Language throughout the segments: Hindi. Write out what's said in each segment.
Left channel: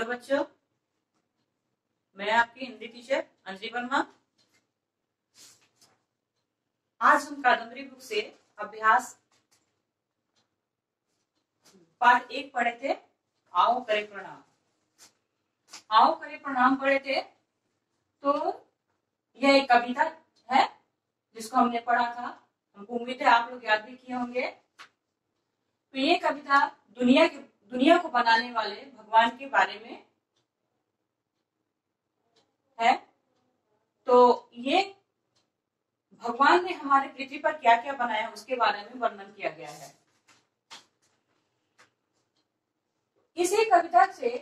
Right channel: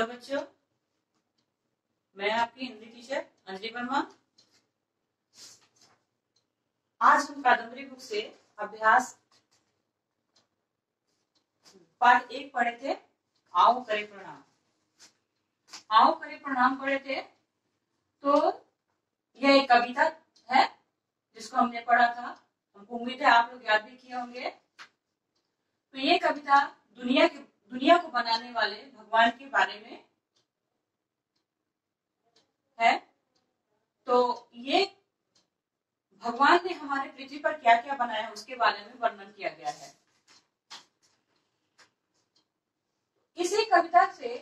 हेलो बच्चों, मैं आपकी हिंदी टीचर अंजलि वर्मा। आज हम कादम्बरी बुक से अभ्यास पाठ 1 पढ़े थे। आओ करे प्रणाम। आओ करे प्रणाम पढ़े थे। तो यह एक कविता है जिसको हमने पढ़ा था। हमको उम्मीद है आप लोग याद भी किए होंगे। तो ये कविता दुनिया को बनाने वाले भगवान के बारे में है। तो ये भगवान ने हमारे पृथ्वी पर क्या क्या बनाया है उसके बारे में वर्णन किया गया है। इसी कविता से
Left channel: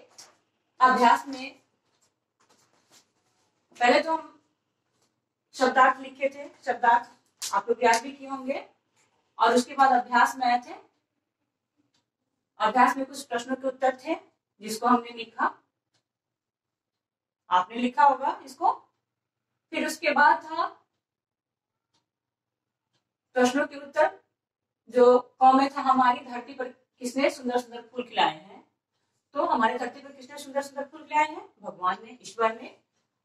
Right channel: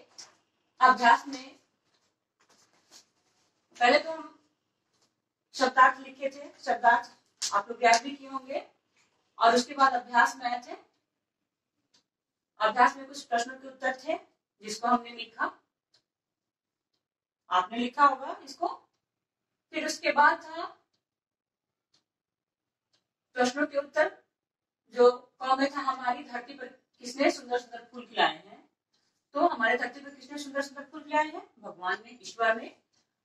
अभ्यास में पहले तो हम शब्दार्थ लिखे थे। शब्दार्थ आप लोग याद भी किए होंगे। और उसके बाद अभ्यास में आए थे। अभ्यास में कुछ प्रश्नों के उत्तर थे जिसको हमने लिखा। आपने लिखा होगा इसको। फिर उसके बाद था प्रश्नों के उत्तर, जो क में था हमारी धरती पर किसने सुंदर सुंदर फूल खिलाए हैं। तो हमारे धरती पर किसने सुंदर सुंदर फूल खिलाए हैं? भगवान ने, ईश्वर ने।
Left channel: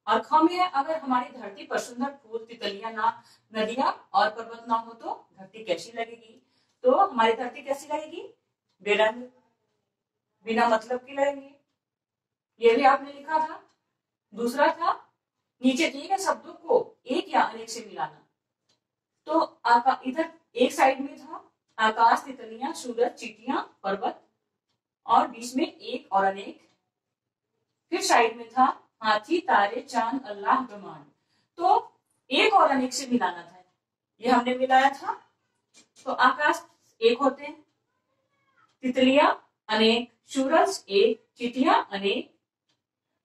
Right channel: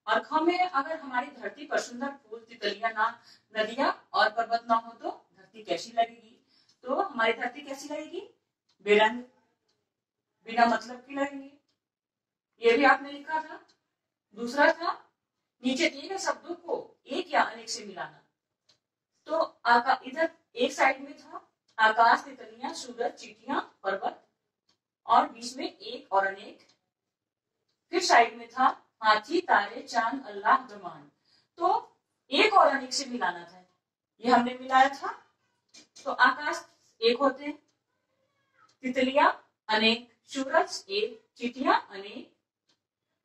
और ख में अगर हमारी धरती पर सुंदर फूल, तितलियां ना, नदियां और पर्वत ना हो तो धरती कैसी लगेगी? तो हमारी धरती कैसी लगेगी? बेरंग, बिना मतलब की लगेंगी। ये भी आपने लिखा था। दूसरा था नीचे दिए गए शब्दों को एक या अनेक से मिलाना। तो इधर एक साइड में था आकाश, तितलियां, सूरज, चींटियां, पर्वत, और बीच में एक और अनेक। फिर साइड में था हाथी, तारे, चांद, अल्लाह, ब्रह्मांड। तो एक और अनेक से मिलाना था। ये हमने मिलाया था। तो आकाश एक होते हैं, तितलियां अनेक, सूरज एक, चींटियां अनेक,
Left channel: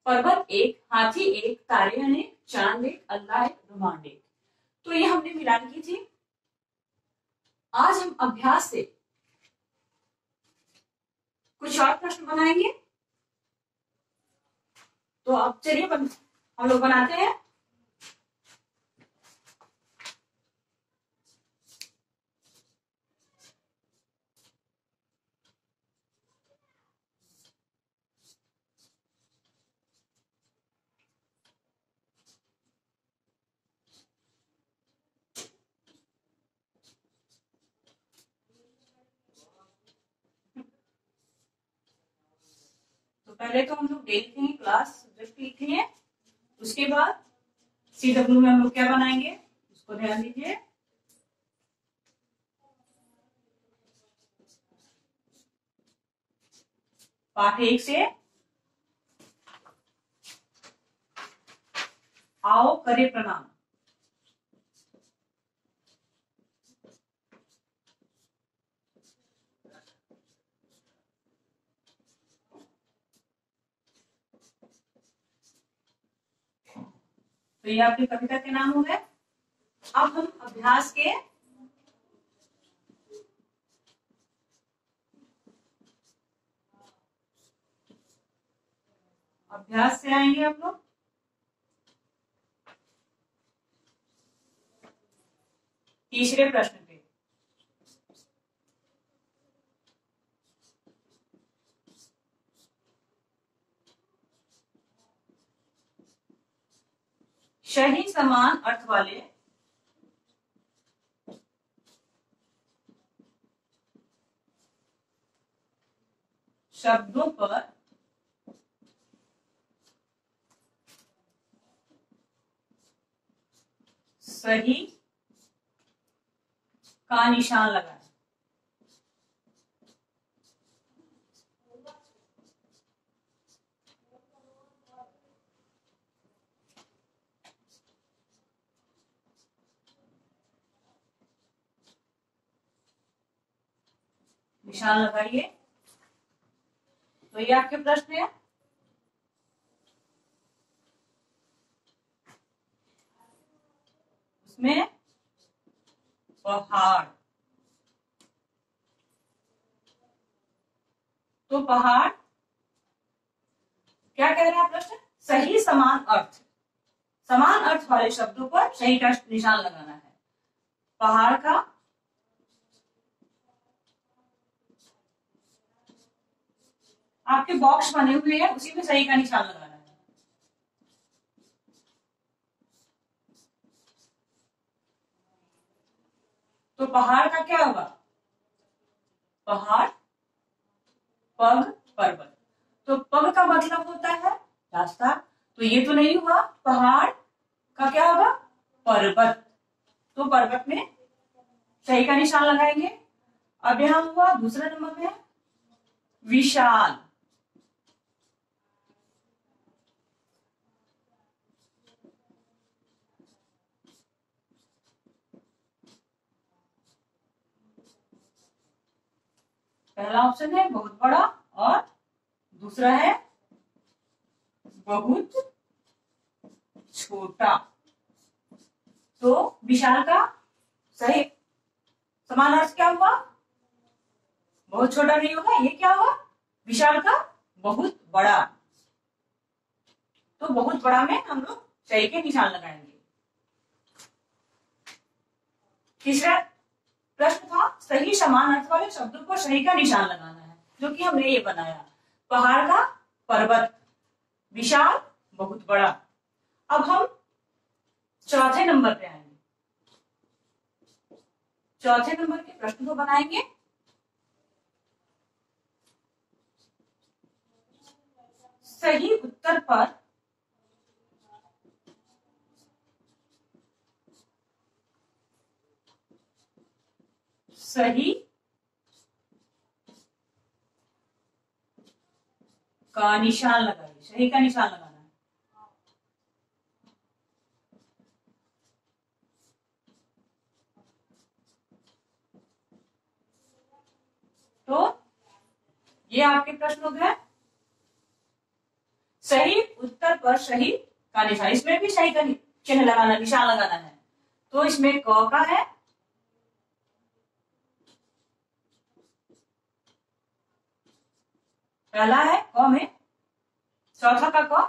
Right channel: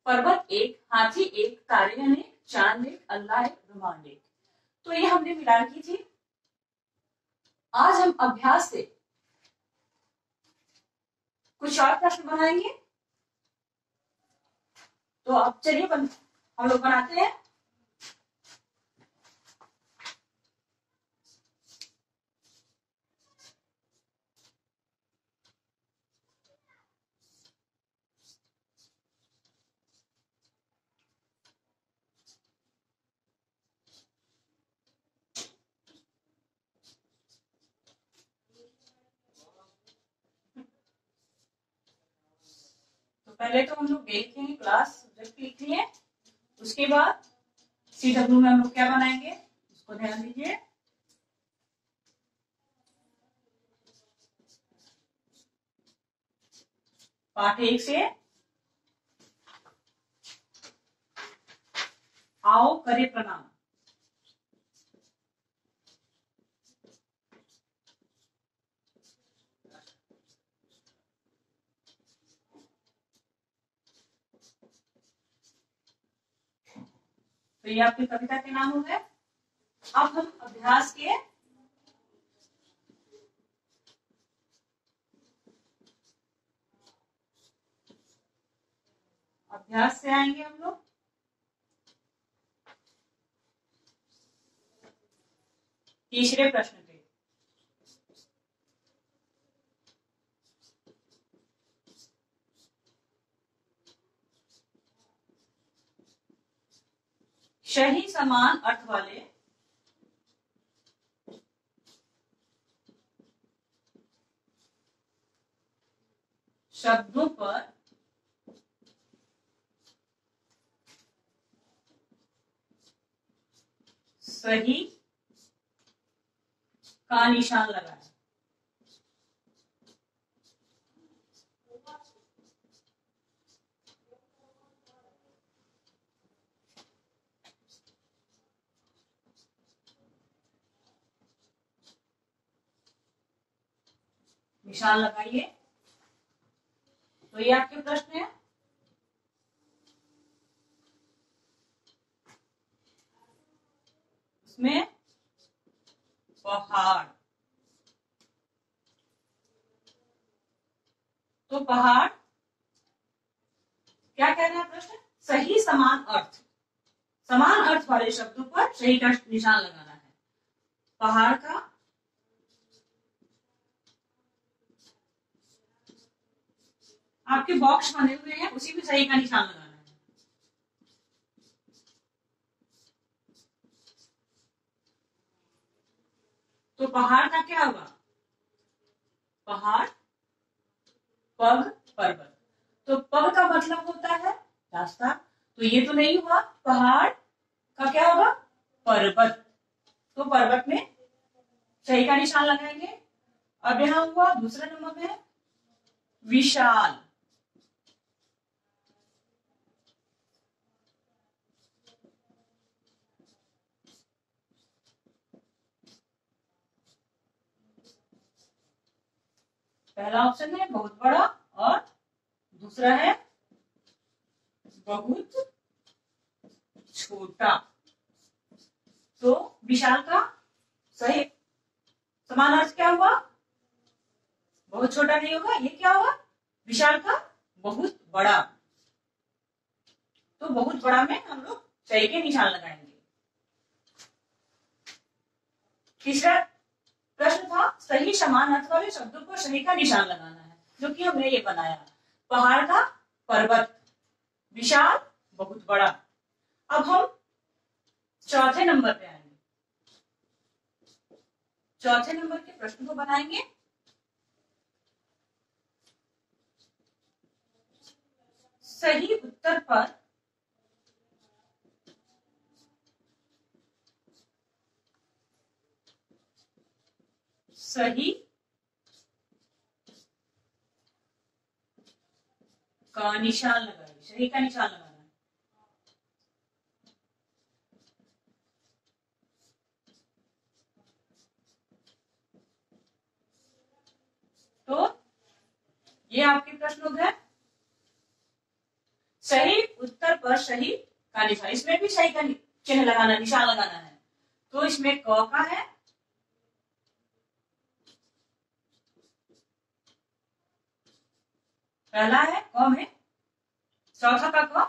पर्वत एक, हाथी एक, तारे अनेक, चांद एक, अल्लाह एक, ब्रह्मांड एक। तो ये हमने मिलान की थी। आज हम अभ्यास से कुछ और प्रश्न बनाएंगे। तो अब चलिए हम लोग बनाते हैं। तो पहले तो हम लोग डे लिखेंगे, क्लास सब्जेक्ट लिखेंगे। उसके बाद CW में हम लोग क्या बनाएंगे उसको ध्यान दीजिए। पाठ 1 से आओ करे प्रणाम। तो ये आपकी कविता के नाम हो गए। अब हम अभ्यास से आएंगे हम लोग। तीसरे प्रश्न पे। सही समान अर्थ वाले शब्दों पर सही का निशान लगाएं। निशान लगाइए। तो ये आपके प्रश्न है। उसमें पहाड़। तो पहाड़ क्या कह रहा है प्रश्न? सही समान अर्थ, समान अर्थ वाले शब्दों पर सही का निशान लगाना है। पहाड़ का आपके बॉक्स बने हुए हैं, उसी में सही का निशान लगाना है। तो पहाड़ का क्या होगा? पहाड़, पग, पर्वत। तो पग का मतलब होता है रास्ता, तो ये तो नहीं हुआ। पहाड़ का क्या होगा? पर्वत। तो पर्वत में सही का निशान लगाएंगे। अब यहां हुआ दूसरा नंबर में विशाल। पहला ऑप्शन है बहुत बड़ा और दूसरा है बहुत छोटा। तो विशाल का सही समानार्थक क्या हुआ? बहुत छोटा नहीं होगा, ये क्या हुआ? विशाल का बहुत बड़ा। तो बहुत बड़ा में हम लोग सही के निशान लगाएंगे। तीसरा प्रश्न था सही समान अर्थ वाले शब्दों को सही का निशान लगाना है, जो कि हमने ये बनाया। पहाड़ का पर्वत, विशाल बहुत बड़ा। अब हम चौथे नंबर पे आएंगे। चौथे नंबर के प्रश्न को बनाएंगे। सही उत्तर पर सही का निशान लगाइए। सही का निशान लगाना है। तो ये आपके प्रश्न हो गए। सही उत्तर पर सही का निशान, इसमें भी सही का चिन्ह लगाना, निशान लगाना है। तो इसमें क का है, पहला है क में, चौथा का क,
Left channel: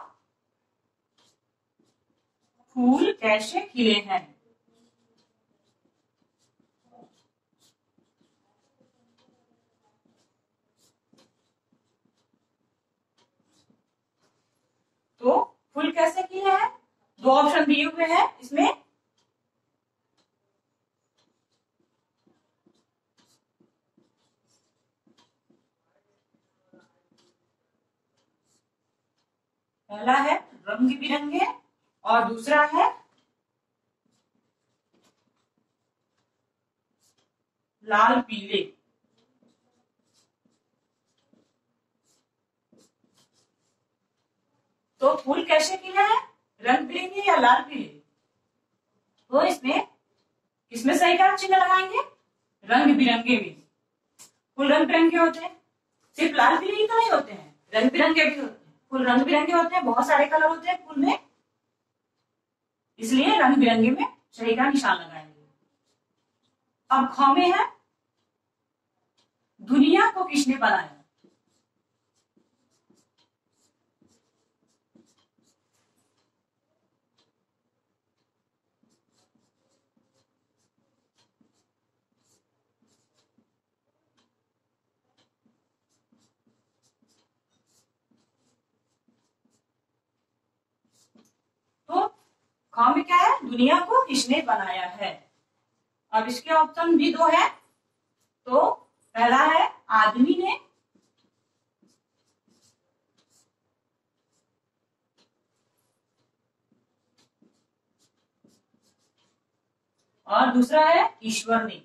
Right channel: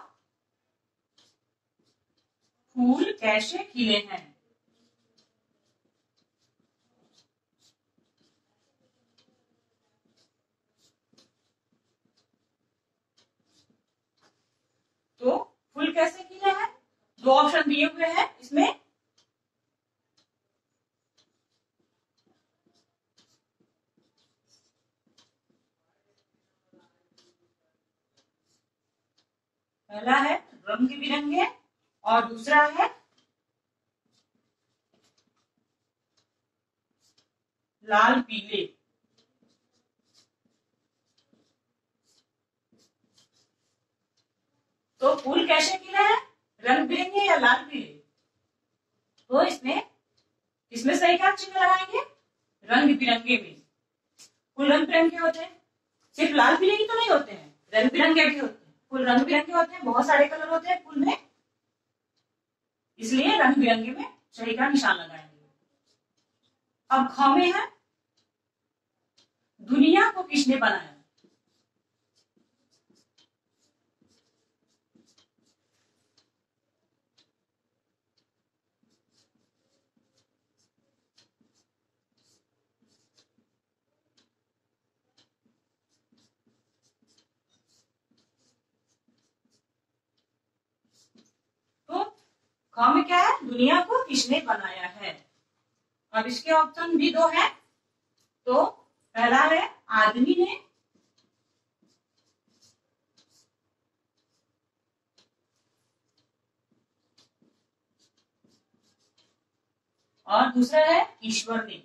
फूल कैसे खिले हैं। तो फूल कैसे खिले हैं, दो ऑप्शन दिए हुए हैं इसमें। पहला है रंग बिरंगे और दूसरा है लाल पीले। तो फूल कैसे खिले हैं, रंग बिरंगे या लाल पीले? तो इसमें सही का चिन्ह लगाएंगे रंग बिरंगे में। फूल रंग बिरंगे होते हैं, सिर्फ लाल पीले ही तो नहीं होते हैं, रंग बिरंगे भी होते हैं। फूल रंग बिरंगे होते हैं, बहुत सारे कलर होते हैं फूल में, इसलिए रंग बिरंगे में सही का निशान लगाएंगे। अब ख में है दुनिया को किसने बनाया। तो ख में क्या है, दुनिया को किसने बनाया है। अब इसके ऑप्शन भी दो है। तो पहला है आदमी ने, और दूसरा है ईश्वर ने।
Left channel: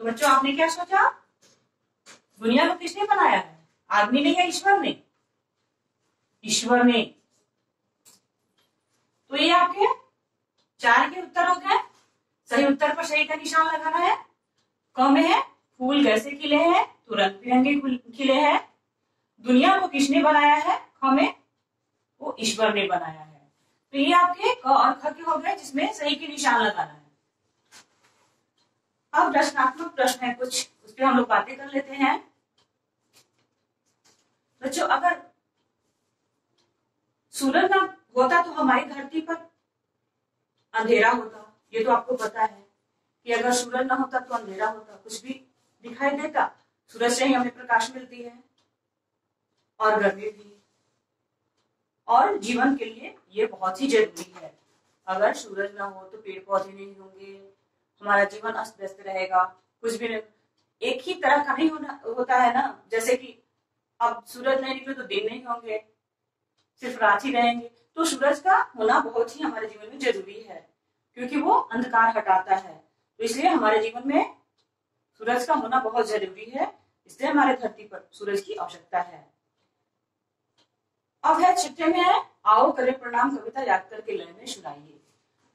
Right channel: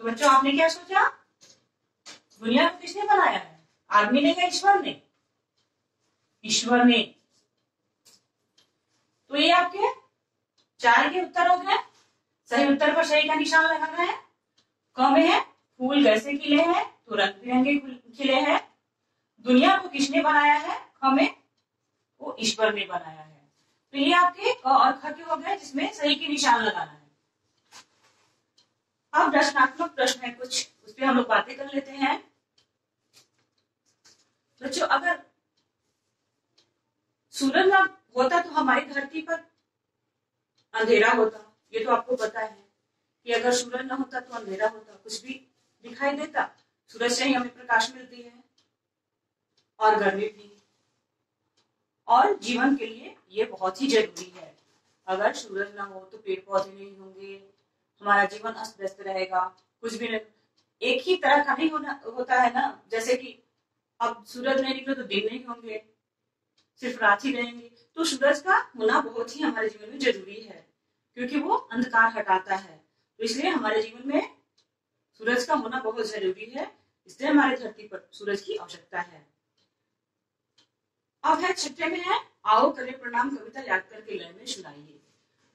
तो बच्चों आपने क्या सोचा, दुनिया को किसने बनाया है, आदमी ने या ईश्वर ने? ईश्वर ने। तो ये आपके 4 के उत्तर हो गए। सही उत्तर पर सही का निशान लगाना है। क में है फूल कैसे खिले हैं, तो रंग बिरंगे खिले हैं। दुनिया को किसने बनाया है, ख में, वो ईश्वर ने बनाया है। तो ये आपके क और ख के हो गए, जिसमें सही के निशान लगाना है। अब रचनात्मक प्रश्न है कुछ, उस पर हम लोग बातें कर लेते हैं। बच्चों अगर सूरज ना होता तो हमारी धरती पर अंधेरा होता, ये तो आपको पता है कि अगर सूरज ना होता तो अंधेरा होता, कुछ भी दिखाई देता। सूरज से ही हमें प्रकाश मिलती है और गर्मी भी, और जीवन के लिए ये बहुत ही जरूरी है। अगर सूरज ना हो तो पेड़ पौधे नहीं होंगे, हमारा जीवन अस्त व्यस्त रहेगा, कुछ भी नहीं, एक ही तरह का नहीं होता है ना। जैसे कि अब सूरज नहीं निकले तो दिन नहीं होंगे, सिर्फ रात ही रहेंगे। तो सूरज का होना बहुत ही हमारे जीवन में जरूरी है, क्योंकि वो अंधकार हटाता है। तो इसलिए हमारे जीवन में सूरज का होना बहुत जरूरी है, इसलिए हमारे धरती पर सूरज की आवश्यकता है। अब है छठे में है, आओ करें प्रणाम कविता याद करके लय में सुनाइए।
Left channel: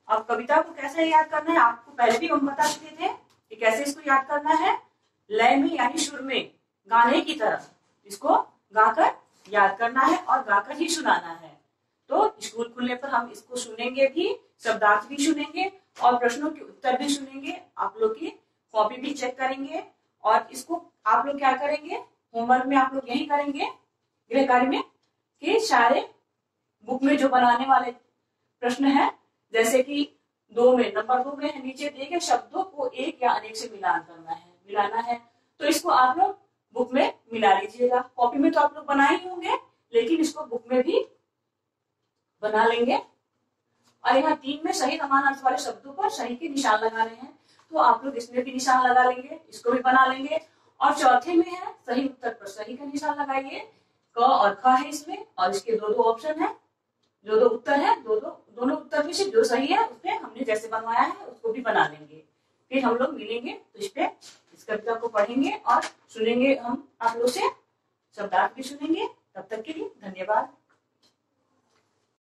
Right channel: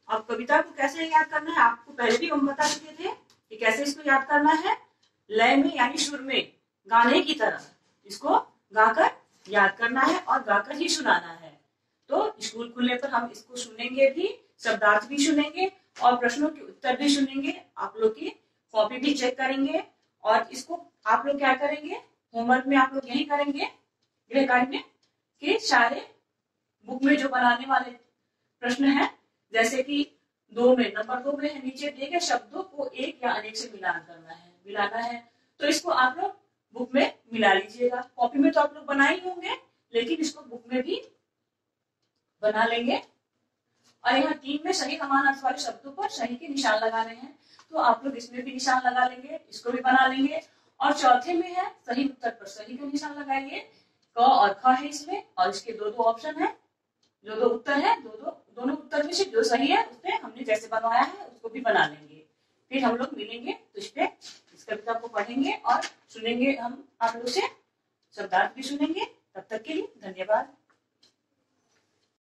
अब कविता को कैसे याद करना है, आपको पहले भी हम बता चुके थे कि कैसे इसको याद करना है। लय में यानी सुर में, गाने की तरह इसको गाकर याद करना है और गाकर ही सुनाना है। तो स्कूल खुलने पर हम इसको सुनेंगे भी, शब्दार्थ भी सुनेंगे और प्रश्नों के उत्तर भी सुनेंगे। आप लोग की कॉपी भी चेक करेंगे और इसको आप लोग क्या करेंगे, होमवर्क में आप लोग यही करेंगे गृह कार्य में कि सारे बुक में जो बनाने वाले प्रश्न है, जैसे कि नंबर 2 में नीचे दिए गए शब्दों को एक या अनेक से मिलाना है। तो इसको आप लोग बुक में मिला लीजिएगा। कॉपी में तो आप लोग बना ही होंगे, लेकिन इसको बुक में भी बना लेंगे। और यहाँ 3 में सही समान अर्थ वाले शब्दों पर सही के निशान लगाने हैं, तो आप लोग इसमें भी निशान लगा लेंगे, इसको भी बना लेंगे। और चौथे में है सही उत्तर पर सही का निशान लगाइए। क और ख है इसमें, और इसके 2 उत्तर है, दोनों उत्तर में से जो सही है उसमें हमने जैसे बनवाया है उसको भी बना लेंगे। फिर हम लोग मिलेंगे तो इस कविता को पढ़ेंगे और सुनेंगे, हम आप लोग से शब्दार्थ भी सुनेंगे। तब तक के लिए धन्यवाद।